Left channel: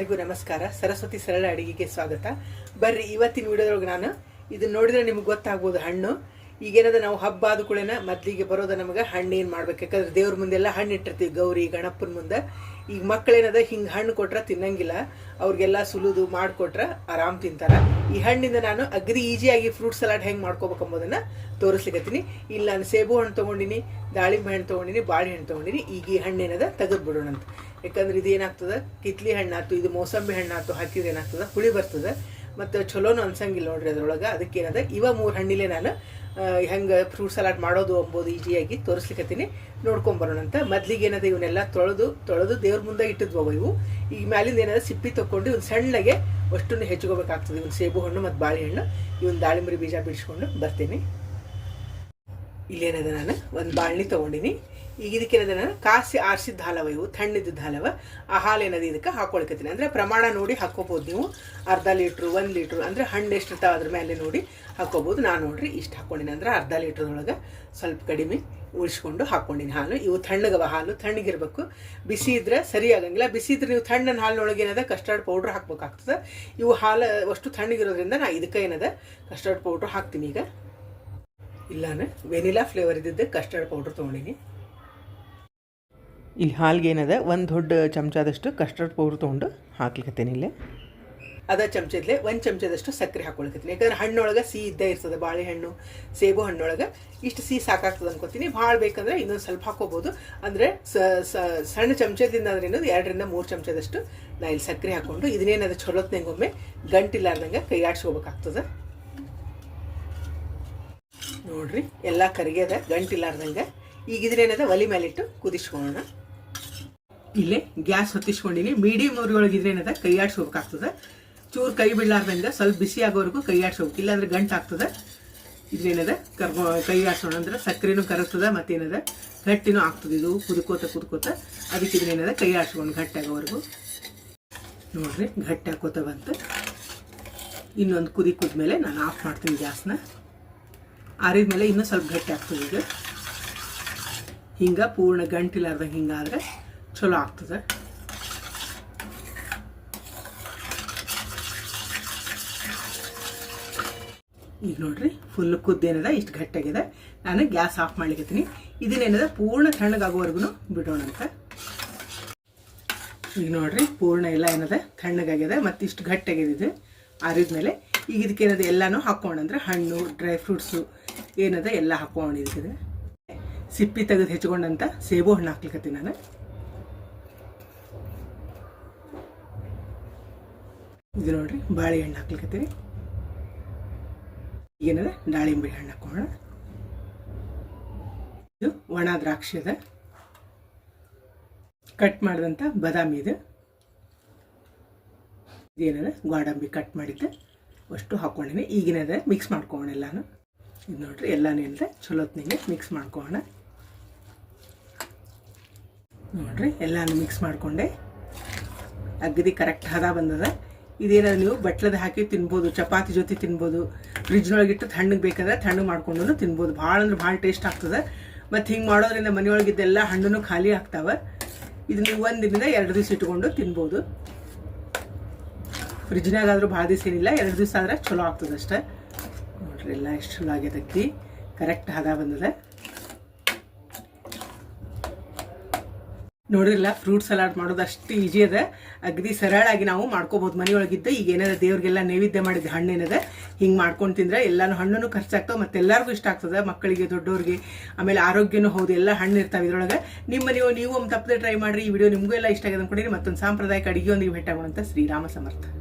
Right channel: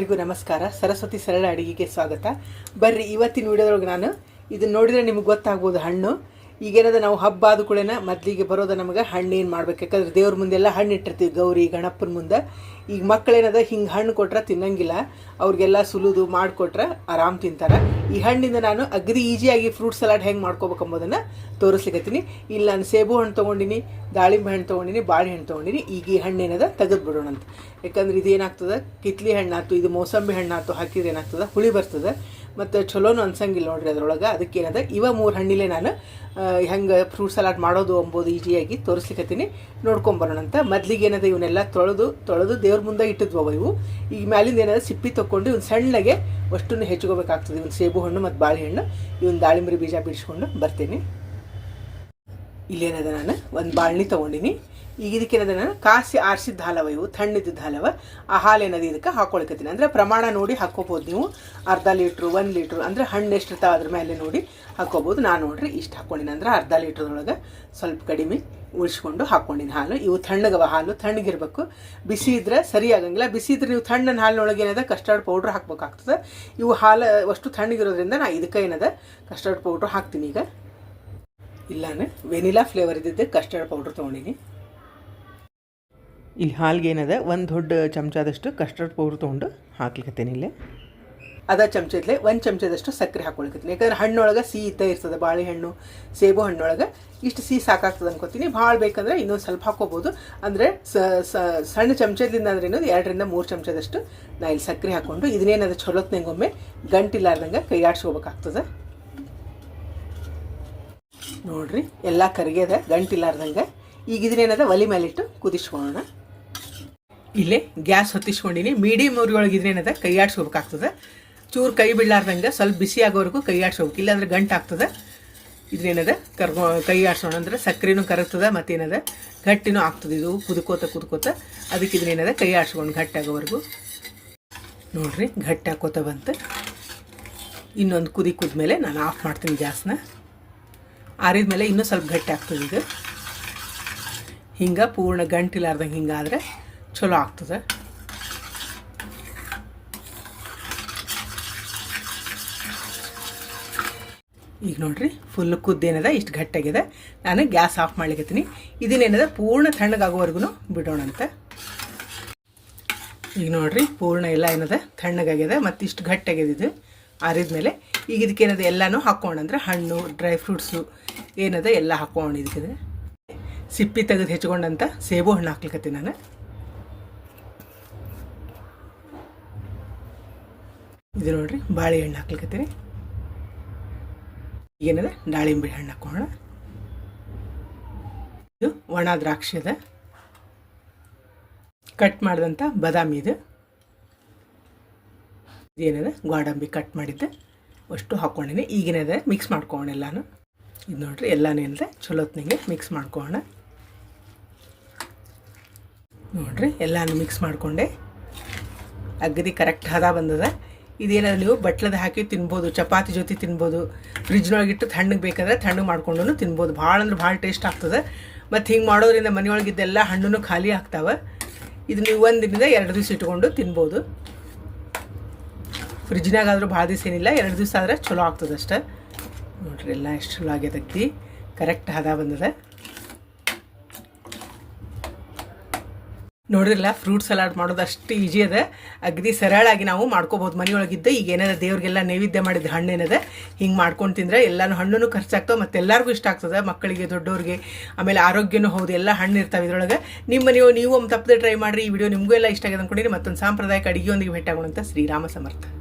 ಎಲ್ಲರಿಗೂ ನಮಸ್ಕಾರ. ಸರಸ್ವತಿ ಸರಳ ಅಡಿಗೆಗೆ ಸ್ವಾಗತ. ಬರ್ರಿ, ಇವತ್ತಿನ ವಿಡಿಯೋದೊಳಗೆ ನಾನು ಇದನ್ನ ನೋಡಿದ್ರೆ ನಿಮ್ಗೆ ಗೊತ್ತಾಗ್ಬೋದು ಹಣ್ಣು. ಈಗೇನದ ನಾವು ಹಬ್ಬ ಆದ ಕೂಡ ಮೊದಲಿಗೆ ಬರೋದು ನಮಗೆ ಹಣ್ಣು ಏನು ಮಾಡ್ಬೇಕು. ಯಾಕಂದ್ರೆ ದೇವ್ರ ಮುಂದೆಲ್ಲ ಹಣ್ಣು ಇಟ್ಟಿರ್ತೀವಿ ಗೌರಿ, ಗಣಪನ ಮುಂದೆ. ಈಗ ಮಕ್ಕಳೇನದ ಹಿಂಗೆ ಹಣ್ಣು ಕೊಟ್ರೆ ತಿನ್ನಂಗಿಲ್ಲ, ಅವ್ರಿಗೆಲ್ಲ ಸುಲಿದು ಮಾಡಿಕೊಟ್ರೆ ಆರಾಮ್ ತಿಂತಾರೆ. ಈ ಹಣ್ಣಿಂದ ನಾನು ಅಗ್ರಿ ಈಸಿಯಾಗಿ ಫ್ರೂಟ್ ಸಲಾಡ್ ಹೆಂಗೆ ಮಾಡ್ಕೋಬೇಕು ಅಂಬೋದನ್ನು ತೋರಿಸ್ಲಿಕತ್ತೀನಿ. ಇಲ್ಲಿ ನಾನು ಸೇಬು ಹಣ್ಣು ತೊಗೊಂಡಿನಿ, ದಾಳಿಂಬೆ ಹಣ್ಣು ತೊಗೊಂಡಿನಿ ಬಾಳೆಹಣ್ಣು ತೊಗೊಂಡಿನಿ, ಈಗ ಈ ಹಣ್ಣೇನದ ತೆಗೆದು ಅಂತ ಯಾಕಂದ್ರೆ ಇದು ಏನಾಗ್ತದೆ ಕಿತ್ಲಿ ಹಣ್ಣಾಯ್ತು ಇದು ಮೋಸಂಬಿ ಹಣ್ಣಾಯ್ತು ಹಾಕಿದ್ರೆ ಏನಾಗ್ತದೆ? ಹುಳಿ ಬರ್ತದೆ. ಮತ್ತು ಚಲೋನು ಅನ್ಸಂಗಿಲ್ಲ ನೋಡ್ರಿ ಅದ್ರೊಳಗೆ. ಅದಕ್ಕೇನದ ಇವ ಮೂರು ಹಣ್ಣಿಲೆ ನಾನು ಹೆಂಗೆ ಫ್ರೂಟ್ ಸಲಾಡ್ ಮಾಡೋದು ಅಂಬೋದು ಈಜಿಯಾಗಿ ತೋರಿಸ್ಲಿಕ್ಕತ್ತೀನಿ ನೋಡ್ಕೊಂಬರೋಣ ಅಂತ. ಮೊದ್ಲಿಗೆ ಏನದ ಇವನ್ನೆಲ್ಲ ತೊಳೆದು ತೊಳೆದು ದೇವ್ರ ಮುಂದೆ ಇಟ್ಟಿದ್ವವ ಇವು. ಈಗ ಮ್ಯಾಲಿಂದ ಏನಾದ್ರು ಸಿಪ್ಪಿ ತೊಗೊಂಡು ಇವ್ನು ಸಣ್ಣಗೆ ಅಷ್ಟನ್ನು ಹೆಚ್ಚಿಕೋಬೇಕಾಗ್ತದೆ ಇವ್ನು ಸೇಬು ಹಣ್ಣು ಮತ್ತು ಬಾಳೆಹಣ್ಣು ಇವನ್ ದಾಳಿಂಬರಿ ಬೀಜ ಬಿಡಿಸ್ಕೊಂಡು ಬರ್ತೀನಿ. ಇಲ್ಲೇನದ ನಾನು? ಒಂದು ಬಾಳ್ನಿ ತೊಗೊಂಡಿನಿ. ಈಗ ಇದಕ್ಕೆ ನಾನು ಕಾಸಿ ಆರಿಸಿದ ಹಾಲವ ಇವು ತಣ್ಣಿದ್ದ ಹಾಲವ ಆ ಹಾಲು ಏನದು ಇದಕ್ಕೆ ಹಾಕೊಳ್ಕತ್ತೀನಿ. ಅಂದರೆ ಪ್ರಮಾಣ ನೋಡಿ ಹಾಕೋಬೋದು ನೀವು. ಅರ್ಧ ಲೀಟ್ರು, ಒಂದು ಲೀಟ್ರು, ಅಂದರೆ ಹಣ್ಣು ಎಷ್ಟು ಇರ್ತಾವೆ ಅದ್ರ ಮೇಲೆ ನೋಡಿ ಹಾಕೋಬೋದು ನಾನು ನೋಡ್ರಿ ಇಷ್ಟು ಹಾಕ್ಕೊಂಡಿನಿ ಅಂದ್ರೆ ಅರ್ಧ ಲೀಟ್ರದೊಳಗೆ ಸ್ವಲ್ಪ ಕಡಿಮೆ ಉಳಿಸ್ಕೊಂಡು ಹಾಕ್ಕೊಂಡಿನಿ ಹಾಲು. ಇವು ತಣ್ಣಗವ ಹಾಲು ತಣ್ಣಗಿರ್ಬೇಕು ಬಿಸಿ ಇದ್ರೆ ಸರಿ ಆಗಂಗಿಲ್ಲ. ಬಿಸಿ ಇದ್ರೆ ನೀವು ತಣ್ಣನ ಹಾಲಿನೊಳಗೆ ಏನದ ಕಸ್ಟರ್ಡ್ ಪೌಡ್ರ್ ಹಾಕ್ಬೇಕಾಗ್ತದೆ. ಇವು ಹಾಲು ಅಷ್ಟು ತಣ್ಣಗಿರೋದ್ರಿಂದ ನಾ ಇದಕ್ಕೆ ಏನದ ಕಸ್ಟರ್ಡ್ ಪೌಡ್ರ್ ಹಾಕ್ತೀನಿ ಈಗ. ಇಲ್ಲಾನೆ ವೆನಿಲಾ ಫ್ಲೇವರ್ ಇದ್ದಿದ್ದೆ ಕಸ್ಟರ್ಡ್ ಪೌಡ್ರ್ ತೊಗೊಂಡಿನಿ. ಇಲ್ಲಿ ಹಾಲ್ಗೆ ಒಂದು ದೊಡ್ಡ ಚಮಚದಷ್ಟು ಕಸ್ಟರ್ಡ್ ಪೌಡ್ರ್ ತೊಗೊಂಡು ಹಾಕ್ಲಿಕ್ಕತ್ತೇನೆ ಇಲ್ಲೇ. ಅದ ಚಮಚದಲ್ಲೇ ಒಂದು ಚಮಚದಷ್ಟು ಸಕ್ಕರೆ ಹಾಕೊಳ್ಕತ್ತೀನಿ ಯಾಕಂದ್ರೆ ಹಣ್ಣೊಳಗೆ ಸಿಹಿ ಇದ್ದೇ ಇರ್ತದೆ, ಬಾಳೆಹಣ್ಣು, ಸೇಬು ಹಣ್ಣೊಳಗೆ. ಇಷ್ಟು ಸಿಹಿ ಸಾಕಾಗ್ತದೆ ಅನ್ಕೋತೀನಿ. ಭಾಳ ಬೇಕಂದ್ರೆ ಇನ್ನೊಂದು ಸ್ವಲ್ಪ ಹಾಕೋಬೋದು ಅಂದರೆ ಸಣ್ಣ ಚಮಚದಿಂದ ಅಂದ್ರೆ ಇನ್ನೊಂದು ಎರಡರಿಂದ ಮೂರು ಚಮಚದಷ್ಟು ನಾ ಇಲ್ಲಿ ಸಕ್ಕರೆ ಹಾಕ್ಕೊಂಡು ಇದನ್ನೇನದು ಚೊಲೋತ್ನಂಗೊಮ್ಮೆ ಗಂಟಿಲ್ಲಾರ್ದಂಗೆ ಕೈ ಆಡ್ಸ್ಕೋಬೇಕಾಗ್ತದೆ ನೋಡ್ರಿ, ಎಲ್ಲ ಕರಿಗೆದ ಗಂಟಿಲ್ಲಾರ್ದಂಗೆ. ಈಗ ಇದನ್ನೇನದ ಒಲಿ ಮೇಲಿಟ್ಟು ಕುದಿಸ್ಕೊಳ್ಳೋಣ. ಇಲ್ಲೇ ಗ್ಯಾಸ್ ಹೊತ್ತಿಸ್ಕೊಂಡಿನಿ. ಮೀಡಿಯಮ್ ಉರಿಯೊಳಗೆ ಇದ್ರೇನದ ಕೈ ಆಡ್ಸ್ಕೋಬೇಕಾಗ್ತದೆ. ಚೂರು ಕೈ ಬೀಳಾರ್ದಂಗೆ ಸ್ವಲ್ಪ ಬಿಸಿ ಆಗೋವರೆಗೂ ಕೈ ಆಡಿಸ್ಬೇಕು ಇಲ್ಲಾಂದ್ರೆ ಗಂಟು ಆಗ್ತದೆ. ಇದ್ರೇನದ ಕರ್ಗೋ ಕೈ ಆಡ್ಸೋಣ ಅಂದ್ರೆ ಸಕ್ಕರೆನೂ ಕರಗ್ತದೆ, ಮತ್ತೇನದ, ಗಟ್ಟಿನೂ ಆಗ್ತದೆ ಇದು, ಕುದ್ಕೋತ ಕುದ್ಕೋತ. ಅದಕ್ಕೆ ಇದ್ರೇನದ ಕೈ ಆಡಿಸ್ಕೊಂಡು ಗಟ್ಟಿ ಆಗೋವರೆಗೂ. ನೋಡ್ರಿ, ಗಟ್ಟಿ ಹಾಕೋತ ಬಂತು. ಇನ್ನೊಂದು ಕುದಿ ಕುದ್ಮೇಲೆ ನಾನು ಆಫ್ ಮಾಡ್ತೀನಿ ಗ್ಯಾಸ್ನ. ಆರಿದ ಮೇಲೆ ಇನ್ನೂ ಸ್ವಲ್ಪ ಗಟ್ಟಿ ಆಗ್ತದೆ ಇದು. ಹಿಂಗೆ ಪೂರ್ಣ ಗಂಟಿಲಾರ್ದಂಗೆ ಹಿಂಗಾದ್ರೆ ಚಲೋ ಆಗ್ತದೆ. ಈಗ ನೋಡ್ರಿ ಫುಲ್ ಕುದ್ದೇನದ ಇಷ್ಟು ಗಟ್ಟಾಗಿದೆ ನಾನು ಗ್ಯಾಸ್ ಆಫ್ ಮಾಡ್ಲಿಕ್ಕತ್ತೀನಿ ಇದನ್ನೇನದ ಪೂರ್ಣ ತಣ್ಣಗಾಗೋವರೆಗೂ ಬಿಡೋಣ ಅಂತ ಈಗ ನೋಡ್ರಿ, ಪೂರ್ಣ ಎಲ್ಲ ಏನದ ತಣ್ಣಗಾಗಿದೆ ಮತ್ತು ಇಷ್ಟು ಗಟ್ಟಾಗಿದೆ ಇದು. ಆರಿದ್ಮೇಲೆ ಈಗ ಇದಕ್ಕೇನದ ಎಲ್ಲನೂ ಹಾಕ್ಕೊಂಡಂದ್ರೆ ಹಣ್ಣು ಡ್ರೈ ಫ್ರೂಟ್ಸು ಏನದ, ಎಲ್ಲ ಹಾಕ್ಕೊಂಡಿದ್ದೆ ಸಿಪ್ಪಿ ತೆಗೆದು ಹೆಚ್ಕೊಂಡಂತ ಸೇಬು ಹಣ್ಣು ಹಾಕ್ಲಿಕತ್ತೀನಿ ನಾನು. ಇದು ನೋಡ್ರಿ ಬಾಳೆಹಣ್ಣು ಹಾಕ್ಲಿಕ್ಕತ್ತೀನಿ ಏನದ ದಾಳಿಂಬೆ ಹಣ್ಣು ಹಾಕೋಣ. ಇದು ಒಣ ದ್ರಾಕ್ಷಿ ಅದ. ಕಟ್ ಮಾಡಿದಂಥ ಬಾದಾಮಿ ಇದು. ಏನದ ಗೋಡಂಬಿ ಕಟ್ ಮಾಡಿದ್ದು. ಅಷ್ಟು ಹಾಕ್ಕೊಂಡಿನಿ ಈಗಿನದ ಮಿಕ್ಸ್ ಮಾಡ್ಕೊಳ್ಳೋಣ ಎಲ್ಲಾನು. ಇದು ನೋಡ್ರಿ, ಎಲ್ಲಾನು ಇಲ್ಲದೆ ಚಲೋತ್ನಿಗೆ ಮಿಕ್ಸ್ ಮಾಡ್ಕೋಣ ನೋಡ್ರಿ, ಎಲ್ಲಾನು ಮಿಕ್ಸ್ ಮಾಡಿಕೊಂಡೆ. ಅಗದಿ ಕರೆಕ್ಟ್ ಹದ ಬಂದದ. ಇದೇನಾದ್ರು ಬಟ್ಲದ ಹಾಕಿ ತಿನ್ಬೋದು, ಚಪಾತಿ ಜೊತೆ ತಿನ್ಬೋದು ಫ್ರಿಜ್ನೊಳಗಿಟ್ಟು ತಣ್ಣಗೆ ಬೇಕಾದ್ರೆ ತಣ್ಣಗೆ ಮಾಡ್ಕೊಂಡು ತಿನ್ಬೋದು. ಭಾಳ ಅಂದ್ರೆ ಭಾಳ ಟೇಸ್ಟ್ ಆಗ್ತದೆ. ಮತ್ತು ಹಿಂಗೆ ಮಾಡೋದ್ರಿಂದ ಮನೆಯೊಳಗಿದ್ದೆಲ್ಲ ಹಣ್ಣು ಖಾಲಿ ಆಗ್ತಾವೆ. ಇದು ನೀವು ದಿನದ ಎರಡು ದಿವಸ ಇಟ್ಕೊಂಡು ತಿನ್ಬೋದು. ಫ್ರಿಜ್ನಾಗಾದರೂ ಭಾಳ ದಿವಸ ಏನಿಲ್ಲ, ಎರಡು ದಿವಸ ಆದ್ರೆ ಚಲೋ ಆಗ್ತದೆ ಅಷ್ಟೇ ನೋಡ್ರಿ, ಎಲ್ಲ ಎಷ್ಟು ಚಲೋ ಆಗ್ಯದಕ್ಕಿ ಕರೆಕ್ಟ್ ಹದ ಬಂದದ. ನೋಡಿರಲ್ಲ ಫ್ರೂಟ್ ಸಲಾಡ್ ಮಾಡೋದು ಅಷ್ಟು ಈಜಿ ಅದ. ಅಗದಿ ಸರಳಾಗಿ ನಾವು ಮಾಡ್ಕೋಬೋದು. ಮನೆಯೊಳಗಿದ್ದ ಈಗ ಏನಾದ, ದೇವ್ರಿಗೆಲ್ಲ ನೈವೇದ್ಯ ಮಾಡಿದ ಹಣ್ಣೇನದ ಹಿಂಗೆ ಮಾಡ್ಕೊಂಡು ತಿಂದ್ರೆ ಎಲ್ಲಾನು ಹಣ್ಣು ಖರ್ಚಾಗ್ತವೆ ಮತ್ತೆ ಎಲ್ಲರಿಗೂ ಇಷ್ಟ ಆಗ್ತದೆ. ಮಕ್ಕಳಿಗೆ ದೊಡ್ಡವ್ರಿಗೆ ಆಮೇಲೆ ಆರೋಗ್ಯನೂ ಹೌದು, ಎಲ್ಲ ಹಣ್ಣು ಇರ್ತಾವೆ ಇದ್ರೊಳಗೆ. ನಿಮ್ಮ ನೀವು ನೀವು ಒಂದು ತಪ್ಪದೆ ಟ್ರೈ ಮಾಡಿರಿ, ಈ ವಿಡಿಯೋ ನಿಮಗೂ ಎಲ್ಲ ಇಷ್ಟ ಆಗಿದೆ ಅಂದ್ಕೊಂಡಿರಿ ಮತ್ತೊಂದು ಸಾಂಪ್ರದಾಯಿಕ ಅಡುಗೆಯೊಂದಿಗೆ ಅಂತ ಶ್ರೀರಾಮ ಸಮರ್ಥ.